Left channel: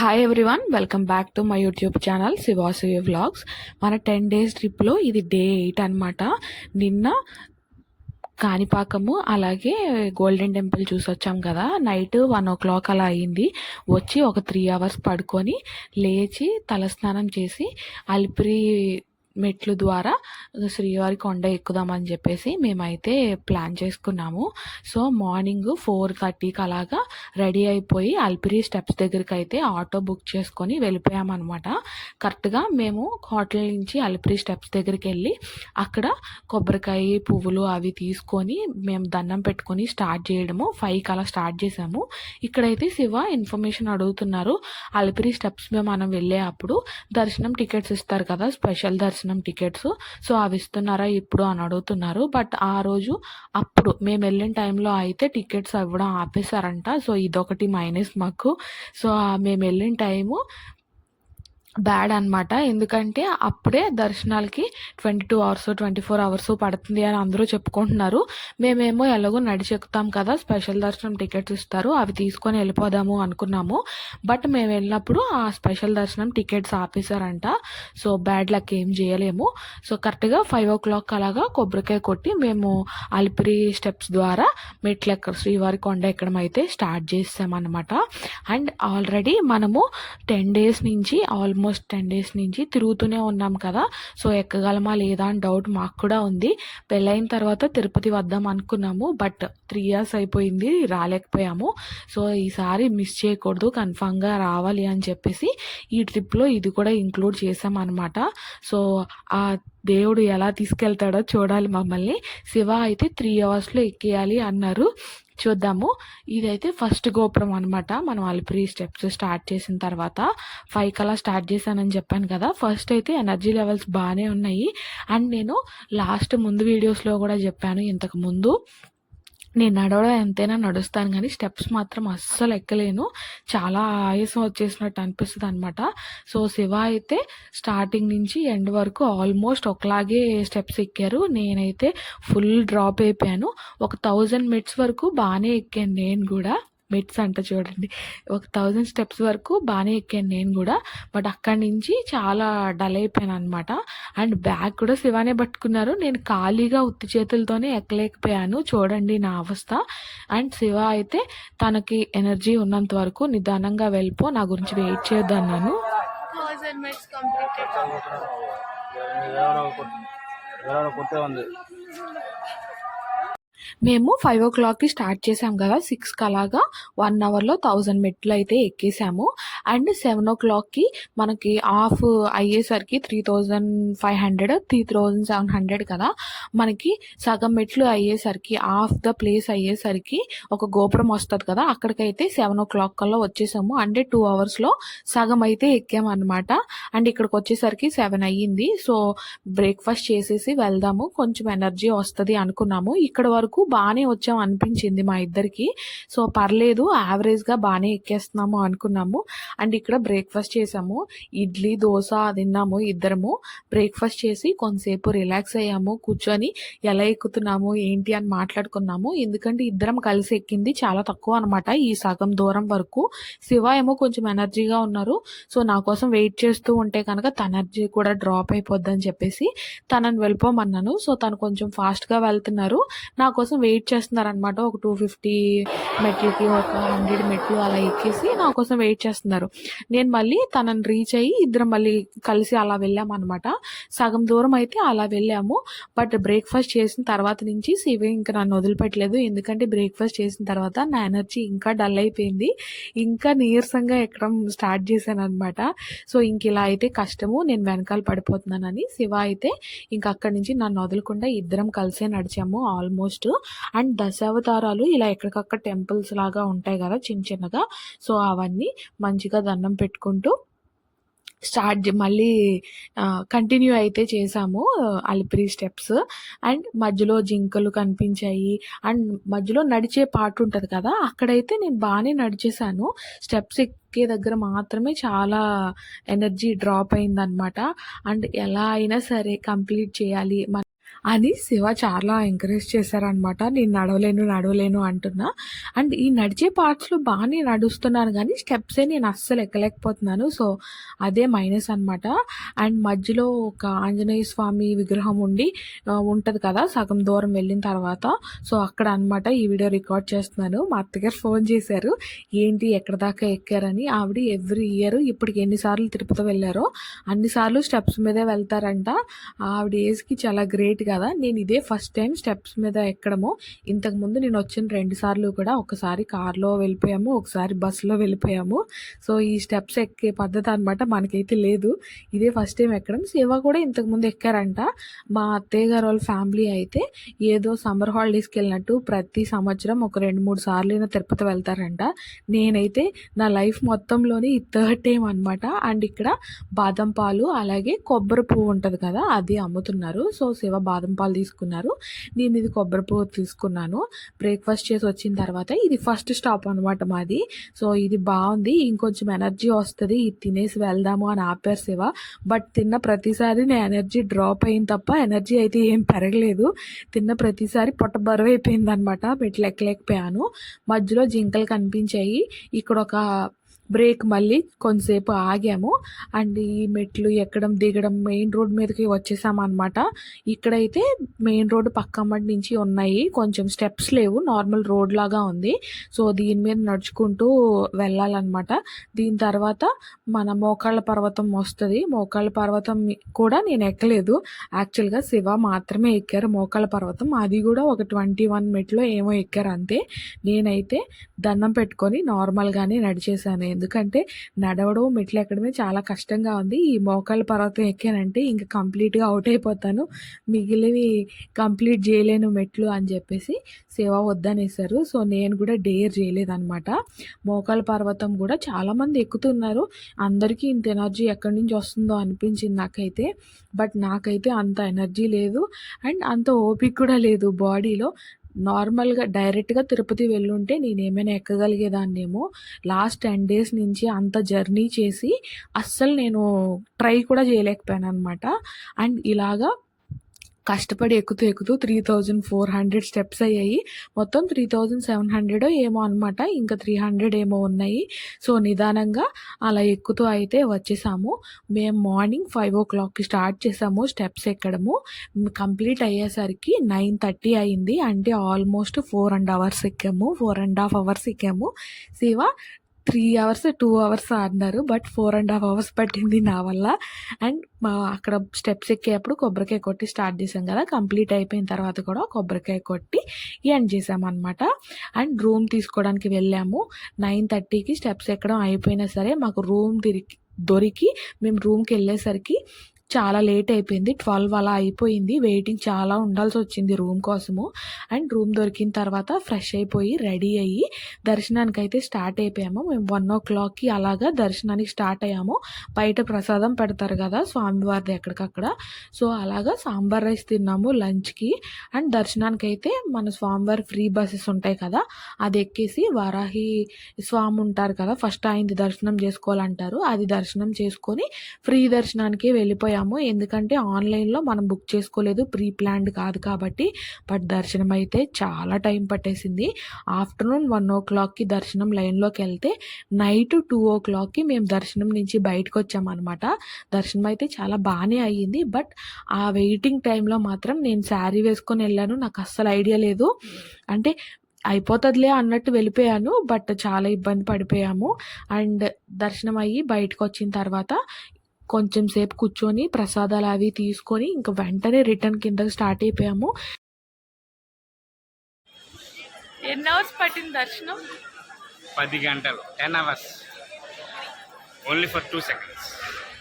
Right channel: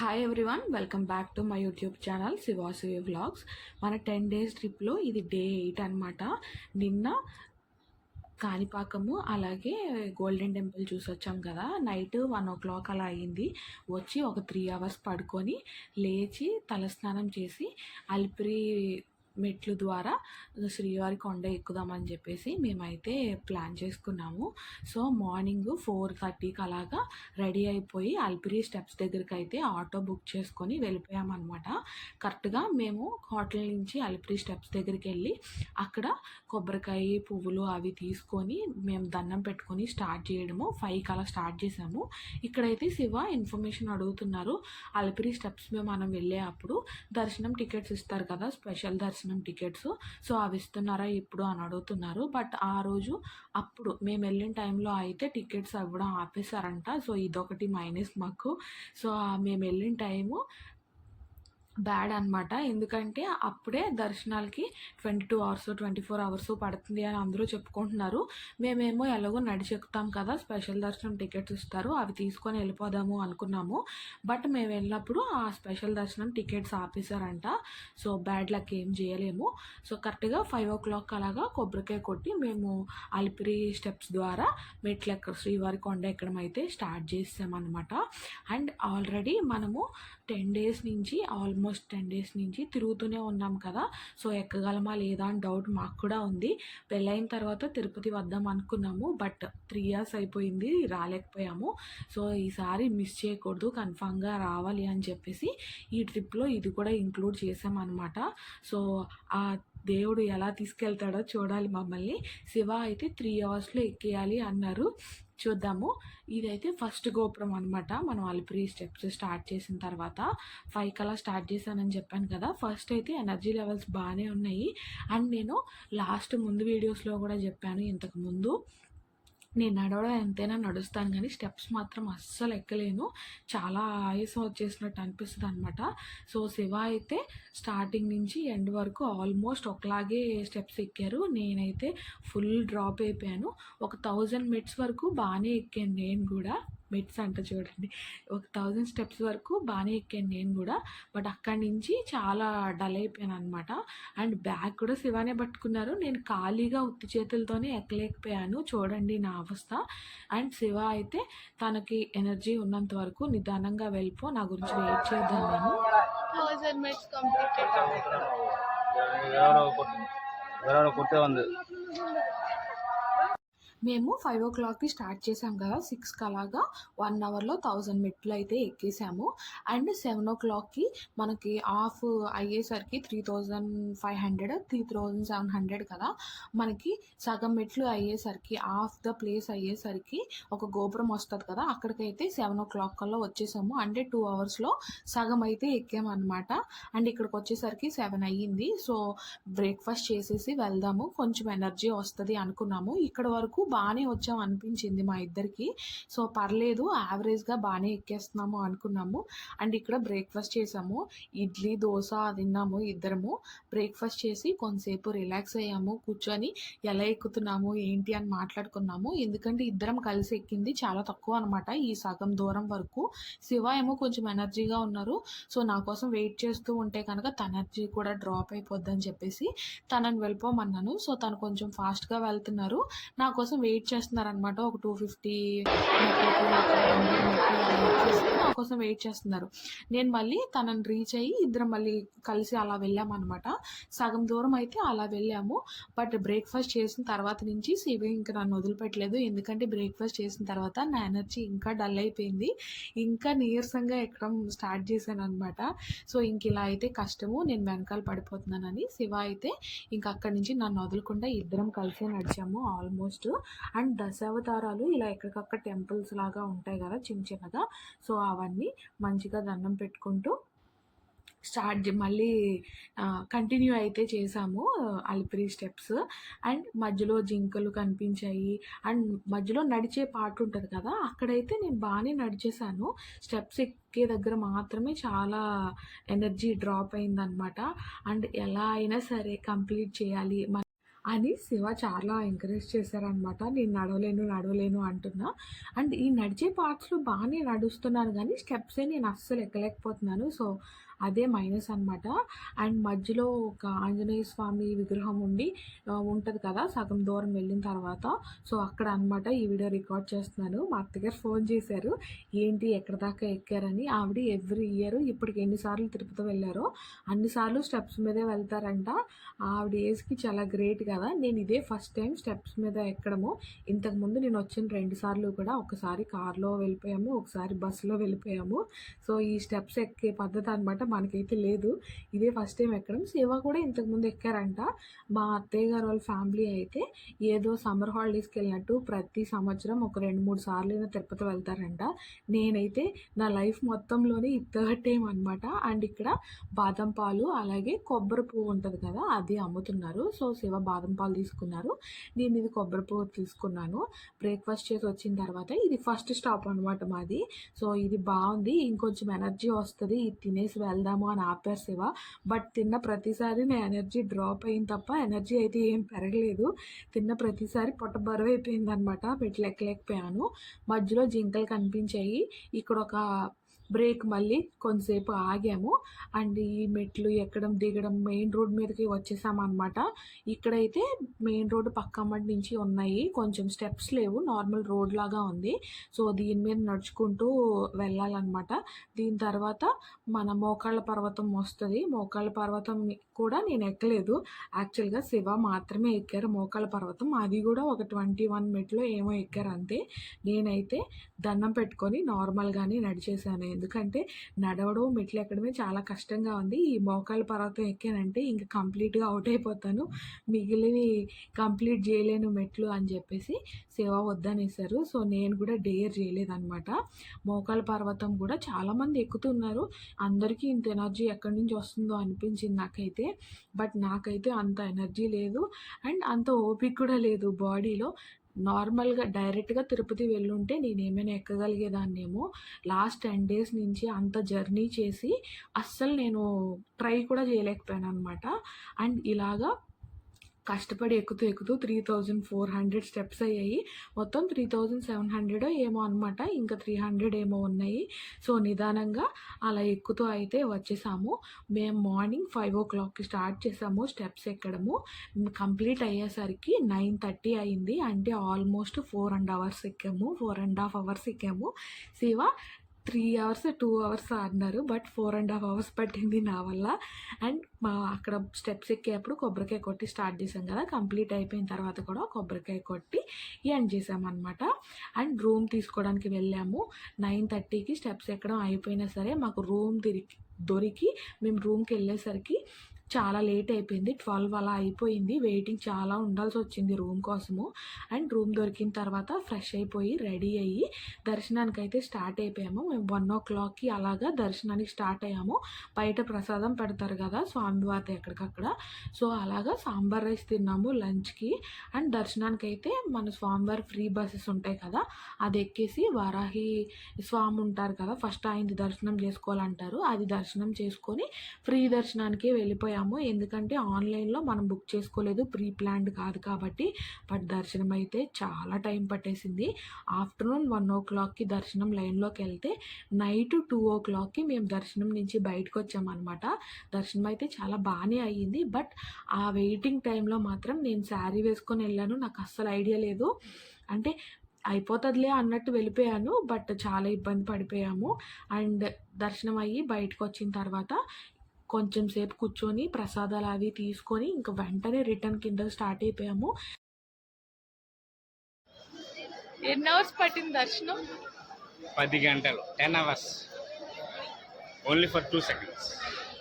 Hi everyone, welcome back to my YouTube channel Shivasavi vlogs. మన 10 days ట్రిప్లో ఇది day 8 అనమాట. నిన్న కాణిపాకము అలాగే గోల్డెన్ టెంపుల్ చూసి వచ్చాం కదా. నైట్ 1 o'clock అలా అయింది. వచ్చి ఒక 3 hours పడుకొని లేచి తలస్నానం చేసి అలిపిరి మెట్లు ద్వారా శ్రీవారి కొండ ఎక్కుదామని చెప్పేసి మేమైతే ప్లాన్ చేసుకున్నాము. సో మార్నింగ్ 4:30కి అలాగా రెడీ అయిపోయి అలిపిరి స్టెప్స్ దగ్గరికి అయితే ఆటో బుక్ చేసుకొని వెళ్ళిపోయామన్నమాట. కరెక్ట్గా మేము హోటల్ నుంచి అలిపిరి స్టెప్స్ దగ్గరికి వెళ్ళి అక్కడ కొబ్బరికాయ పువ్వులు అవి తీసుకొని మేము దండం పెట్టుకొని స్టార్ట్ చేయడము 5కి అలా స్టార్ట్ చేసాము. ఇక్కడైతే శివ ఇన్ఫర్మేషన్ అడుగుతున్నారు. అలిపిరి స్టెప్స్ మనం వెళ్ళే అప్పుడు దర్శనం టికెట్స్ ఇస్తారు కదా, స్పెషల్ దర్శనం టికెట్స్. సో అవి ఇస్తున్నారా ఇప్పుడు అని అడుగుతున్నారు. బట్ ఆ రోజు అప్పుడు మేము వెళ్ళిన టైంలో అయితే టికెట్స్ ఇవ్వడం ఆపేశారంట. సో ఇదొకటి మైనస్ మాకు. సో మేము వెళ్ళిన టైము బ్యాడ్ అనమాట. ఎందుకంటే అప్పుడే దర్శనాలకి 22 hours 24 hours పడుతుంది అని అందరూ చెప్పుకుంటున్నారు. మేమేమో ఎలాగో నడిచి ఎక్కుతాం కదా, స్పెషల్ దర్శనం టికెట్స్ ఇస్తారు, అవి తీసుకొని వెళ్ళిపోదాము అనుకున్నాము. బట్ మేము వెళ్ళినప్పుడు ఆ స్పెషల్ దర్శనం టికెట్స్ ఆపేశారంట. సో బ్యాడ్ లక్, ఏం చేయలేము. సో కరెక్ట్గా 5 o'clock అలాగా కొబ్బరికాయ కొట్టి మేము అలిపిరి స్టెప్స్ ద్వారా మెట్లెక్క శ్రీవారి కొండ ఎక్కడం అయితే స్టార్ట్ చేసామన్నమాట. అండ్ ఆల్రెడీ మనము 10 days నుంచి ఆల్మోస్ట్ 10 days నుంచి తిరుగుతూనే ఉన్నాం కదా. సో ఎక్కగలమా లేదా అని డౌట్ మాకు కూడా ఉంది. పెళ్ళైన తర్వాత తిరుపతి వద్దాం అనుకున్నాము, బట్ 3 years అయిపోయింది, రాలేకపోయాము. సో ఈసారి మిస్ చేయకూడదు, కన్ఫామ్గా రావాలి అని చెప్పేసి ఈ ట్రిప్లో ఇది కూడా ఇంక్లూడ్ చేసామన్నమాట. సో ఆ దేవుడు ఎలా తీసుకెళ్తాడో చూడాలి మమ్మల్ని. శివ అయితే 3 hours ఎక్కేయాలి అన్నారు. చూద్దాము. ఇదైతే ఫస్ట్ గోపురం అనమాట. మనం అలిపిరి స్టెప్స్ స్టార్ట్ చేసిన తర్వాత 5 అలా స్టార్ట్ చేశానని చెప్పాను కదా. ఫస్ట్ అయితే ఎనర్జీ లెవెల్స్ బాగానే ఉన్నాయి. అండ్ నేను ముందు వీడియోస్లో కూడా చెప్పాను, ఇంతకు ముందు నేను నడవడం ఎంతైనా నడుస్తాను కానీ స్టెప్స్ మాత్రం అస్సలు ఎక్కలేను. చాలా ఆయాసం వచ్చేసినట్టు అనిపిస్తుంది అనమాట. సో శివ అయితే స్టార్టింగ్ నుంచి ఎండ్ వరకు ఆల్మోస్ట్ ఒకలాగే స్టెప్స్ ఎక్కారు. నేనైతే ఫుల్ డ్రాప్ అయిపోయాను. ఒక 1000 మెట్స్ వరకు బాగానే ఎక్కాను నేను కూడా. మెట్స్ అంట చూడండి, ఒక 1000 స్టెప్స్ వరకు బాగానే ఎక్కాను నేను కూడా. బట్ అక్కడి నుంచి చాలా డల్ అయిపోయాను అనమాట. అండ్ బ్యాగ్ కూడా శివానే పట్టుకున్నారు. నేను ఖాళీగా ఉత్తి చేతులతోనే ఎక్కలేకపోయాను. చూడండి నా అవస్థ. అండ్ శివ అయితే తనకి ఎనర్జీ ఉన్నంత వరకు నిదానంగా వెళ్ళిపో, నా గురించి వెయిట్ చేద్దాను. 1000 minutes completed. మేము 5 o'clockకి స్టార్ట్ చేసాం కదా. 6కి అలాగా 1 hourలో 1000 మెట్లు అయితే ఎక్కేసాము. అండ్ 7 o'clockకి మనకి ఆఫ్ అయ్యేసరికి 3500 3700 కదా. మనకి సగం మెట్లు అయ్యేసరికి ఆఫ్ ద ప్లేస్ అయ్యేసరికి ఒక గోపురం వస్తుంది కదా, అక్కడికైతే 7 o'clock కల్లా వచ్చేసాము. అంటే 2 hours సగం అయితే ఎక్కామన్నమాట. అండ్ ఇక్కడికి వచ్చేసరికి 7 అయ్యింది. సో బ్రేక్ఫాస్ట్ చేసేసి వెళ్దాము, కొంచెం ఎనర్జీ వస్తుంది అనుకున్నాము. ఇక్కడ వరకు బాగానే వచ్చాం అనిపించింది మా ఇద్దరికి. సో పర్లేదు, యావరేజ్గా బాగానే ఎక్కేస్తున్నాము అనుకున్నాము. అండ్ ఇక్కడ బ్రేక్ఫాస్ట్ చేసాము, ఇడ్లీ దోశ తిన్నాము ఇద్దరము. బ్రేక్ఫాస్ట్ చేసి కొంతసేపు రిలాక్స్ అయ్యాము, కూర్చొని ఎలా ఎక్కుతున్నాము ఏంటి అని మాట్లాడుకున్నాము. ఎందుకంటే ఇద్దరం కలిసి ఎక్కింది చాలా తక్కువ అనమాట ఈ సగం దూరం వరకు. శివ ఏమో కొంచెం ఎనర్జీగా ఉన్నారు. సో నా కోసం వెయిట్ చేస్తూ ఉంటే కనుక తన ఎనర్జీ కూడా డ్రాప్ అయిపోద్దని చెప్పేసి తనని వెళ్ళిపోమన్నాను. సో తను కొంచెం ఫాస్ట్గా వెళ్తున్నారు, నా కోసం వెయిట్ చేస్తున్నారనమాట. ఒక 250 మెట్లకి ఒక 100 మెట్లు అలా ఎక్కేసి నా కోసం వెయిట్ చేస్తున్నారు. నేను మళ్ళీ తనని రీచ్ అయ్యి ఇద్దరం మళ్ళీ కలిసి అలా వెళ్ళామన్నమాట. సగం దూరం అయితే అలా వెళ్ళాము. బట్ బ్రేక్ఫాస్ట్ చేసిన తర్వాత నుంచి శివ ఇంకా నన్ను వదిలిపెట్టలేదు. ఎందుకంటే బ్రేక్ఫాస్ట్ చేసిన తర్వాత నా ఎనర్జీ ఇంకా డల్ అయిపోయింది, ఇంకా నీరసంగా ఎక్కడం స్టార్ట్ చేశాను అనమాట. సో ఇంక ఇలా అయితే కష్టము, నేను వెనకాల పడిపోతున్నానని శివ అయితే ఇంక అక్కడి నుంచి నన్ను వదలకుండా ఇద్దరం కలిసే నడిచాము ఆల్మోస్ట్. అండ్ దశావతారాలు ఇలా ఎక్కడికక్కడ టెంపుల్స్ లాగా ఉంటాయి కదా చిన్న చిన్నగా. సో అవన్నీ మంచిగా దండం పెట్టుకుంటూ మళ్ళీ కంటిన్యూ అయితే చేసాము అలిపిరి స్టెప్స్. అండ్ మధ్యలో జింకలు కనిపించాయి. అండ్ మధ్యలో నడిచే పార్ట్ ఉంటుంది కదా, అక్కడైతే నేను బాగానే నడిచేసాను. స్టెప్స్ ఎక్కే దగ్గర మాత్రమే చాలా ఎనర్జీ డ్రాప్ అయిందనమాట. అండ్ ఎలా అయినా సరే కంప్లీట్ చేయాలి, అని శివ చాలా ఎంకరేజ్ చేశారనమాట. నేను నడవలేను అంటున్నా. అండ్ ఈ నడిచే పార్ట్స్‌లో బానే నడుస్తున్నాను గానీ, స్టెప్సే నేను అస్సలు ఎక్కలేకపోతున్నాను. సో, అదే మైనస్ అనమాట. అండ్ మధ్యలో ఒక ఆంజనేయ స్వామి విగ్రహం ఉంటది కదా! సగం దూరం వెళ్ళిన తర్వాత. సో, అక్కడ అనమాట ఈ వీడియో రికార్డ్ చేస్తున్నాను. మా అత్తగారు ఫోన్ చేశారు. ఏంటి ఎక్కడి దాకా ఎక్కారని. ఆవిడ ఎవ్రీ ఇయర్ ఇప్పటికి ఎన్ని సార్లు తిరుపతి వెళ్లారో, అన్ని సార్లు స్టెప్స్ మీదే వెళ్తారంట. ఆవిడ ఏజ్‌కి చాలా గ్రేట్ కదా! నేను ఇదే ఫస్ట్ టైం స్టెప్స్ మీద ఎక్కడము. ఇంతకుముందు నేను వచ్చిన 2 సార్లు కూడా ఒకసారి కార్‌లో వెళ్ళిపోయాము. ఒకసారి బస్సులో వెళ్ళిపోయాము. సో, ఈ స్టెప్స్ ఎక్కే పద్ధతి అనమాట మనకైతే లేదు. ఇదే ఫస్ట్ టైం ఎక్కడం. శివ కూడా ఇంతకుముందు ఎక్కారంట. మా అత్తయ్య గారు వాళ్ళ ఫ్యామిలీ అయితే ఏదో సమ్మర్ హాలిడేస్‌కి వెళ్ళినట్టు ప్రతి సంవత్సరం ఒక 2, 3 సార్లైనా తిరుపతి వెళ్తారంట. నేనైతే నా లైఫ్ మొత్తంలోనే ఈ థర్డ్ టైమ్ అనమాట. అండ్ ఇక్కడ బాదం పాలు అలాగే కొబ్బరి పువ్వు ఉంటది కదా! అది అమ్ముతున్నారు. సో, శివ బాదం పాలు తీసుకున్నారు. నేను ఇది కొబ్బరి పువ్వు తీసుకున్నాను. బ్రేక్‌ఫాస్ట్ చేసి వచ్చిన తర్వాత ఇది ఫస్ట్ స్టాప్ అనమాట మాది. సో, ఇది బావుంది. ఇంకొంచెం ఎనర్జీ వస్తది. ఇది తినేసి వెళ్దాము అని ఆపారు శివ. బట్ తిన్న ప్రతిసారి నా ఎనర్జీ డ్రాప్ అయింది తప్ప ఎనర్జీ అయితే ఏం పెరగలేదు. తిన్న ప్రతిసారి పొట్ట బరువైపోయిందనమాట. మెట్లు ఎక్కలేకపోయాను. మధ్యలో జింకలు కనిపించాయి. ఇక్కడొక బ్రేక్ మళ్ళీ కొంతసేపు ఆగాము. అండ్ ఈ మెట్లు ఎక్కడం, దిగడం మెయిన్ రోడ్ మీదకి వచ్చేసామనమాట. ఇక్కడైతే మెయిన్ రోడ్ పక్కమ్మటి నుంచి ఉన్నాయి. కొంచెం స్టెప్స్ లేవు. నార్మల్ రోడ్ లాగా ఉంది. సో, దీని మీద నడుచుకుంటూ వెళ్ళాలనమాట. దీని తర్వాత మన మోకాళ్ళ పర్వతం వస్తది. మోకాళ్ళ పర్వతం కూడా నేను ఎక్కలేదు. యాక్చువల్‌గా శివ మాత్రమే ఎక్కారు మోకాళ్ళ పర్వతం. అది కూడా ఒక 21 మెట్లో ఏమో ఎక్కారు అంతే. నేనైతే దండం పెట్టుకొని నార్మల్‌గానే నడిచేసాను. ఎందుకంటే నడవడం, మెట్లు ఎక్కడమే చాలా కష్టంగా ఉంది. ఈ మోకాళ్ళ పర్వతం ఎక్కానంటే ఇంక కంప్లీట్‌గా అవుట్ అయిపోతాను. మిగిలినవి కంప్లీట్ చేయలేను మెట్లు అని చెప్పేసి శివ వద్దనేసారు. సో, నేను కూడా డేర్ చేయలేదనమాట. మోకాళ్ళ పర్వతం కూడా చాలామంది ఎక్కుతున్నారు. అందరికీ ఇంత ఎనర్జీ ఎక్కడి నుంచి వస్తుందో అనిపించింది నాకైతే. బట్ నాకైతే అంత ఎనర్జీ లేదు. అండ్ అంత ఓపిక కూడా లేదు బాడీలో. నార్మల్‌గా డైరెక్ట్‌గా తిరుపతి వెళ్ళుంటే నేనేమైనా ఎక్కగలిగేదాన్నేమో. లాస్ట్ 10 డేస్ నుంచి అంత జర్నీ చేసి అస్సలు నేను ట్రై కూడా చేయలేకపోయాననమాట. అండ్ ఇలాగా కష్టపడి ఎక్కుతూ 3400 స్టెప్స్ అయ్యాయి. మొత్తం 3700 ఏమో అనమాట. ఇంకా 300 ఏమో ఉన్నాయి. సో, నిదానంగా అలా ఎక్కుతూ అయితే వచ్చేసాము. మేము మార్నింగ్ 5:00కి స్టార్ట్ చేసాము స్టెప్స్ ఎక్కడము. కంప్లీట్ అయ్యేసరికి 9:30 అయింది. అంటే ఆల్మోస్ట్ 4 అవర్స్ ఎక్కాము. 4½ అవర్స్ ఎక్కాము. శివ 3 అవర్స్, 2 అవర్స్ అన్నారు. బట్ 4½ అవర్స్ పట్టింది నా వల్ల. అండ్ అక్కడ స్టెప్స్ ఎక్కేటప్పుడు కొబ్బరికాయ కొట్టి స్టార్ట్ చేసాం కదా! కంప్లీట్ అయిపోయిన తర్వాత కూడా కొబ్బరికాయ కొట్టి ఎండ్ చేసామన్నమాట. అండ్ రూమ్ తీసుకోవడానికి వెళ్ళాము. 9:30కి స్టెప్స్ ఎక్కడం అయిపోయినా సరే మాకు రూమ్ దొరికి మేము రూమ్‌కి వెళ్ళేసరికి చాలా లేట్ అయిపోయింది. 12 అలా అయిపోయింది. వెయిటింగ్ చాలా ఉండాల్సొచ్చింది రూమ్ కోసము. అండ్ రూమ్ దొరికిన తర్వాత ఫ్రెష్ అయిపోయి, రెడీ అయ్యి దర్శనానికైతే స్టార్ట్ అయిపోయాము. మేము 1:00కి అలాగా దర్శనానికి స్టార్ట్ అయ్యాము. బయట ప్రసాదం పెడతారు కదా స్వామివారిది ఎక్కడికక్కడ. సో, అలాగా సాంబార్ రైస్ తిన్నాము లంచ్‌కి. అండ్ దర్శనానికైతే మన స్వామివారి ఫ్రీ బసెస్ ఉంటాయి కదా! అది ఎక్కేసి వారాహి స్వామి ఉంటారు కదా! ఫస్ట్ ఆయనది దర్శనం చేసుకోవాలంటారు. అది దర్శనం చేసుకొని ఫ్రీ దర్శనానికి వెళ్ళిపోయాము. ఎందుకంటే ఆన్లైన్‌లో మనం బుక్ చేసుకోలేదు. ప్రీ ప్లాన్డ్ కాదు కాబట్టి. బట్ దర్శనం అయితే చాలా టైం పట్టేసింది. ఆఫ్టర్‌నూన్ 1:00కి దర్శనం లైన్‌లోకి వెళ్తే నైట్ 2:00కి మేము దర్శనం నుంచి బయటకొచ్చామనమాట. దర్శనం అయితే చాలా బానే అయ్యింది. బట్ ఆ వెయిటింగ్ టైంలో మాత్రం నేను శారీ వేసుకొని వెళ్ళాను. నాకు అస్సలు ఐడియా లేదు. అంటే అయిపోతదిలే అన్నట్టు వెళ్ళిపోయాను. బట్ చాలా ఇబ్బంది పడిపోయాము. అండ్ దర్శనం అయ్యి బయటకొచ్చిన తర్వాత కొంచెం సేపు కూర్చొని ప్రసాదాలు అవి తీసుకొని ఇంక వెంటనే రిటర్న్ కిందకి స్టార్ట్ అయిపోయాము. ఎన్ని అవర్స్ పట్టింది దర్శనం? 10 గంటలు, 10 hours only for 2 seconds.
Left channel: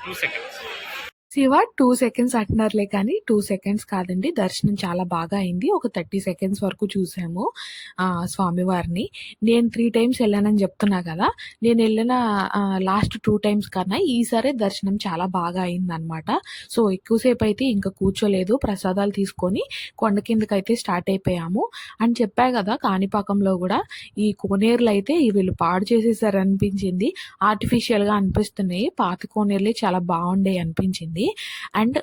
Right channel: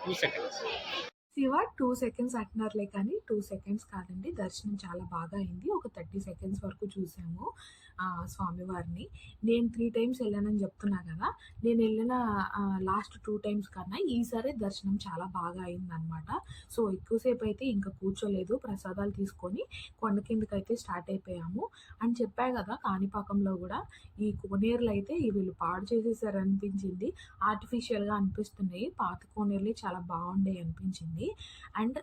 2 seconds. Shiva 2 seconds అంటున్నారులే కానీ 2 సెకండ్స్ కాదండి. దర్శనం చాలా బాగా అయింది. ఒక 30 సెకండ్స్ వరకు చూసాము స్వామివారిని. నేను 3 టైమ్స్ వెళ్ళానని చెప్తున్నా కదా! నేను వెళ్ళిన లాస్ట్ 2 టైమ్స్ కన్నా ఈసారే దర్శనం చాలా బాగా అయిందనమాట. సో, ఎక్కువసేపు అయితే ఇంకా కూర్చోలేదు. ప్రసాదాలు తీసుకొని కొండ కిందకైతే స్టార్ట్ అయిపోయాము. అని చెప్పా కదా! కాణిపాకంలో కూడా ఈ కోనేరులు అయితే వీళ్ళు పాడు చేసేసారనిపించింది. ఆర్టిఫిషియల్‌గా అనిపిస్తున్నాయి. పాత కోనేరులే చాలా బాగుండేయి అనిపించింది. అండ్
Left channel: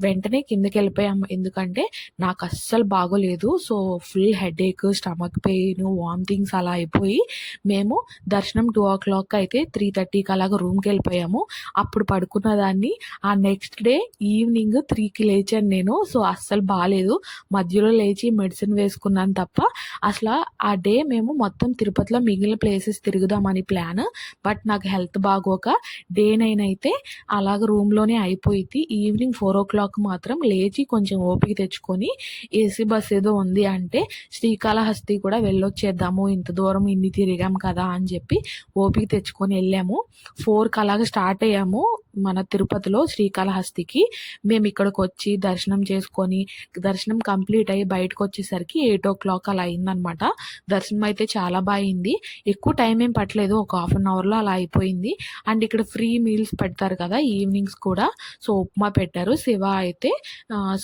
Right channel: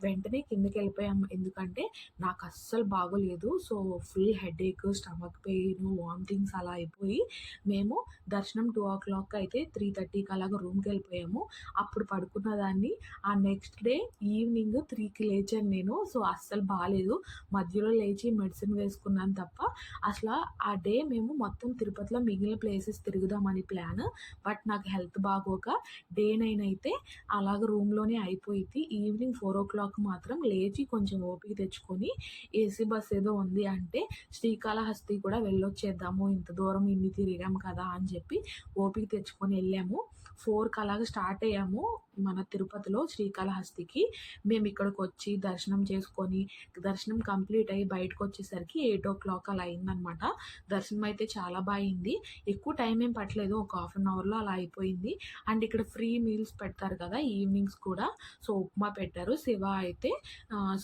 వెంటనే కిందకెళ్ళిపోయాము. ఎందుకంటే నాకు అస్సలు బాగోలేదు. So, full headache, stomach pain, vomitings అలా అయిపోయి మేము దర్శనం 2:00 అయితే 3:30కి అలాగా రూమ్‌కెళ్ళిపోయాము. అప్పుడు పడుకున్నదాన్ని. ఆ నెక్స్ట్ డే ఈవినింగ్ 3కి లేచాను నేను. సో, అస్సలు బాలేదు. మధ్యలో లేచి మెడిసిన్ వేసుకున్నాను తప్ప అసల ఆ డే మేము మొత్తం తిరుపతిలో మిగిలిన ప్లేసెస్ తిరుగుదామని ప్లాన్. బట్ నాకు హెల్త్ బాగోక డే 9 అయితే అలాగ రూమ్‌లోనే అయిపోయిద్ది. ఈవినింగ్ 4:00 మాత్రం లేచి కొంచెం ఓపిక తెచ్చుకొని ఏసీ బస్ ఏదో ఉంది అంటే శ్రీకాళహస్తి కూడా వెళ్ళొచ్చేద్దాము. ఇంత దూరం ఇన్ని తిరిగాం కదా అని చెప్పి ఓపిక తెచ్చుకొని ఎళ్ళాము. 4కి అలాగా స్టార్ట్ అయ్యాము మన తిరుపతిలో శ్రీకాళహస్తికి. మేము ఇక్కడికొచ్చి దర్శనం చేసుకొని, దర్శనం కంప్లీట్ అయ్యి బయటకొచ్చేసరికి 8:00 అలా అయిందనమాట. దర్శనం అయితే చాలా బా అయింది. ఎక్కువ టైం ఏం పట్టలేదు. ఒక హాఫ్ అన్ అవర్‌లో అలా అయిపోయింది. అండ్ ఇక్కడ ఫ్రీ మీల్స్ పెడతారు కదా ఈవినింగ్స్ కూడా. సో, ఉప్మా పెట్టారు. శివ అయితే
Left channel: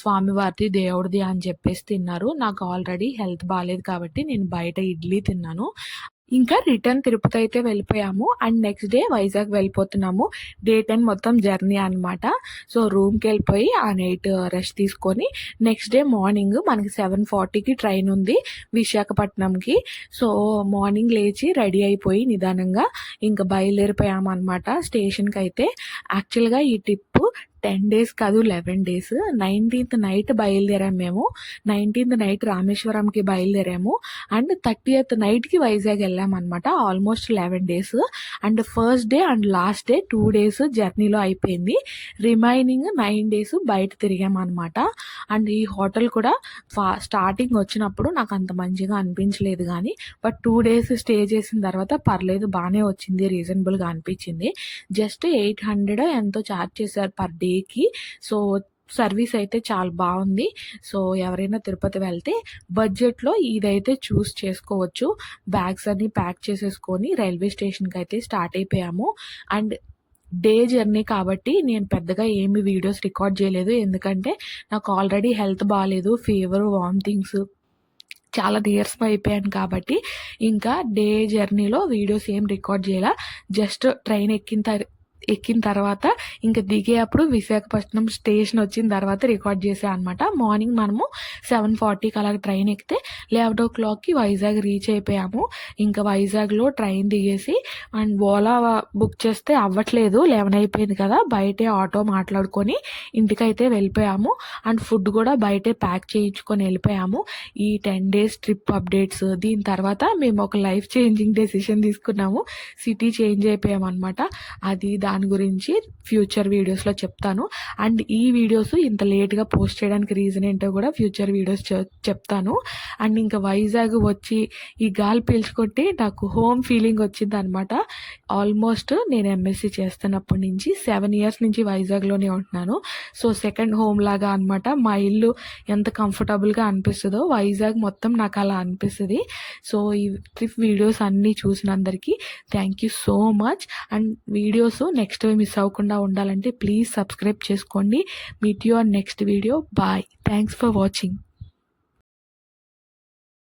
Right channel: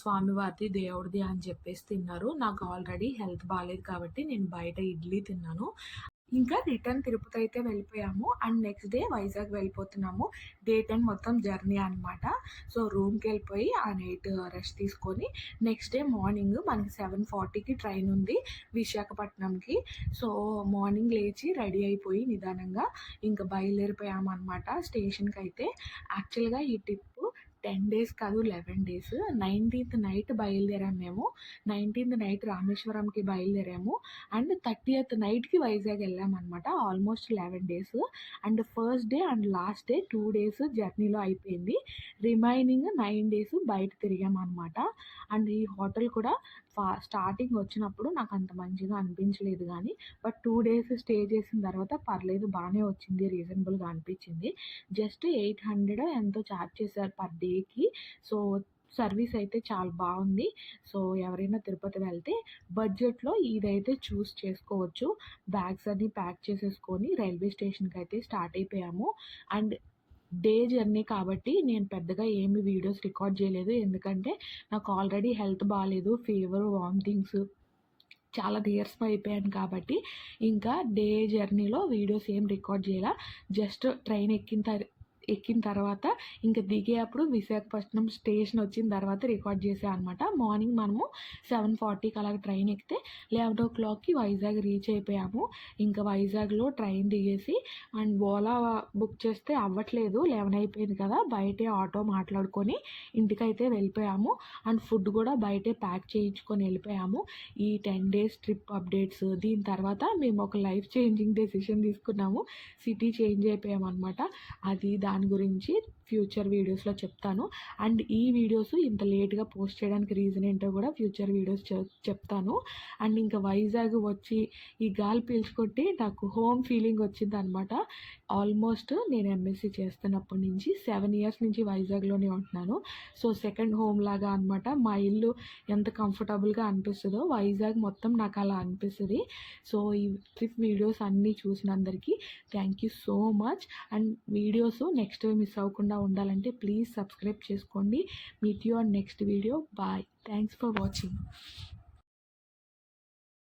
స్వామివారిది, దేవుడిది అని చెప్పేసి తిన్నారు. నాకు ఆల్రెడీ హెల్త్ బాలేదు కాబట్టి నేను బయట ఇడ్లీ తిన్నాను. ఇంకా రిటర్న్ తిరుపతి అయితే వెళ్ళిపోయాము. అండ్ నెక్స్ట్ డే వైజాగ్ వెళ్ళిపోతున్నాము. డే 10 మొత్తం జర్నీ అనమాట. సో, రూమ్‌కెళ్ళిపోయి ఆ నైట్ రెస్ట్ తీసుకొని నెక్స్ట్ డే మార్నింగ్ మనకి 7:40కి ట్రైన్ ఉంది విశాఖపట్నంకి. సో, మార్నింగ్ లేచి రెడీ అయిపోయి నిదానంగా ఇంక బయలుదేరిపోయామనమాట స్టేషన్‌కైతే. యాక్చువల్‌గా ఈ ట్రిప్పు 10 డేస్ కాదు 11 డేస్. 19థ్ నైట్ బయలుదేరాము మేము. 19థ్ నైట్ రామేశ్వరంకి బయలుదేరాము. అండ్ 30th నైట్‌కి వైజాగ్ వెళ్ళామనమాట. Almost 11 days. And first day and last day 2 days జర్నీలో అయిపోయింది. రిమైనింగ్ 9 డేస్ బయట తిరిగామనమాట. అండ్ ఈ హోటల్ కూడా స్టార్టింగ్ వచ్చినప్పుడు నాకు అంత మంచిగా అనిపించలేదు గానీ, బట్ 2 డేస్ స్టే చేసిన తర్వాత పర్లేదు బానే వచ్చింది. రీజనబుల్‌గా అనిపించింది. జస్ట్ 800 ఎంతో చార్జ్ చేశారు పర్ డేకి. సో, సర్వీస్ అయితే చాలా బావుంది. సో, ఎవరైనా తిరుపతి వెళ్తే బడ్జెట్‌లో ఇదైతే చూస్ చేసుకోవచ్చు. బ్యాగ్స్ అన్నీ ప్యాక్ చేసేసుకొని రైల్వే స్టేషన్‌కైతే స్టార్ట్ అయిపోయాము. అండ్ డే జర్నీ కాబట్టి నేను పెద్దగా ఏమి వీడియోస్ రికార్డ్ చేయలేదు. ఎందుకంటే నాకు ఆల్రెడీ హెల్త్ బాలేదు. ఫీవర్, వామిటింగ్స్ చాలా నీరసం అయిపోయాను కాబట్టి ఇంకా డే జర్నీలో వీడియోస్ ఏం రికార్డ్ చేయలా. జస్ట్ ట్రైన్ ఎక్కిన తర్వాత ఇంక దిగేప్పుడు విశాఖపట్నం స్టేషన్ వచ్చిన తర్వాత రికార్డ్ చేశా అనమాట. మార్నింగ్ మనము 7:40కి అలాగ ట్రైన్ ఎక్కితే 11:00కి వైజాగ్ రీచ్ అయిపోయాము. ఇంకా వైజాగ్‌లో ట్రైన్ దిగేసి అండ్ ఓలా బుక్ చేస్తే అవ్వట్లేదు. 11 అయిపోయింది కదా! బయటే ఆటో మాట్లాడుకొని ఇంటికైతే వెళ్ళిపోయాము. అండ్ ఫుడ్ కూడా బయటే ప్యాక్ చేయించుకొని వెళ్ళిపోయాము. ఈ 10 డేస్ ట్రిప్ అప్డేట్స్ దీని తర్వాత మేము ఒక లైఫ్ చేంజింగ్ డెసిషన్ తీసుకున్నాము. సిటీ చేంజ్ అయిపోయామనమాట. అది దాని గురించి ఫ్యూచర్ వీడియోస్‌లో చెప్తాను. అండ్ ఈ వీడియోస్ ఇంత లేట్‌గా పోస్ట్ చేయడానికి రీజన్ ఏంటో కూడా ఫ్యూచర్ వీడియోస్ చెప్తాను. అండ్ ఇంకా వైజాగ్ వచ్చి ఈ గాలి పీల్చుకుంటే నాకు హోమ్ ఫీలింగ్ వచ్చిందనమాట. ఆల్మోస్ట్ నేను ఎంఎస్సీ చేస్తున్నప్పటి నుంచి 7 ఇయర్స్ నుంచి వైజాగ్‌లోనే ఉంటున్నాను. సో, సెకండ్ హోమ్ లాగా అనమాట. మా ఇల్లు ఎంత కంఫర్టబుల్‌గా అనిపిస్తదో వైజాగ్ మొత్తం నాకు అలా అనిపిస్తది. సో, ఈ ట్రిప్ వీడియోస్ అన్నీ చూసినందరికీ thank you so much. And videos next miss అవ్వకుండా ఉండాలంటే ప్లీజ్ సబ్స్క్రైబ్ చేసుకోండి. Meet you on next video. Bye. Thanks for watching.